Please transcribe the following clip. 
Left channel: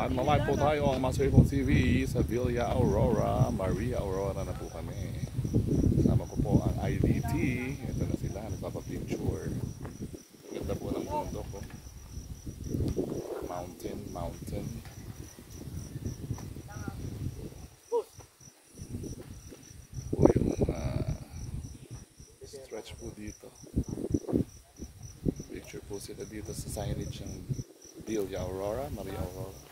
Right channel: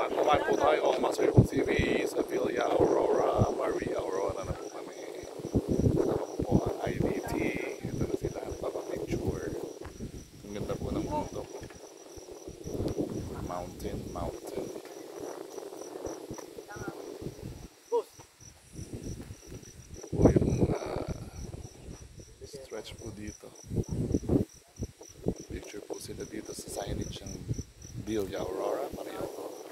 Live po tayo ang Masuribong TV sa Villa Aurora, Maria Aurora na po kami. Kasama ko po ang IDT. Ito na sila, nagpapapicture. Ang ganda po ng bundok ko. Mountain. Po yung stretch po dito. Picture po sila dito sa signage ng Villa Aurora, Maria Aurora.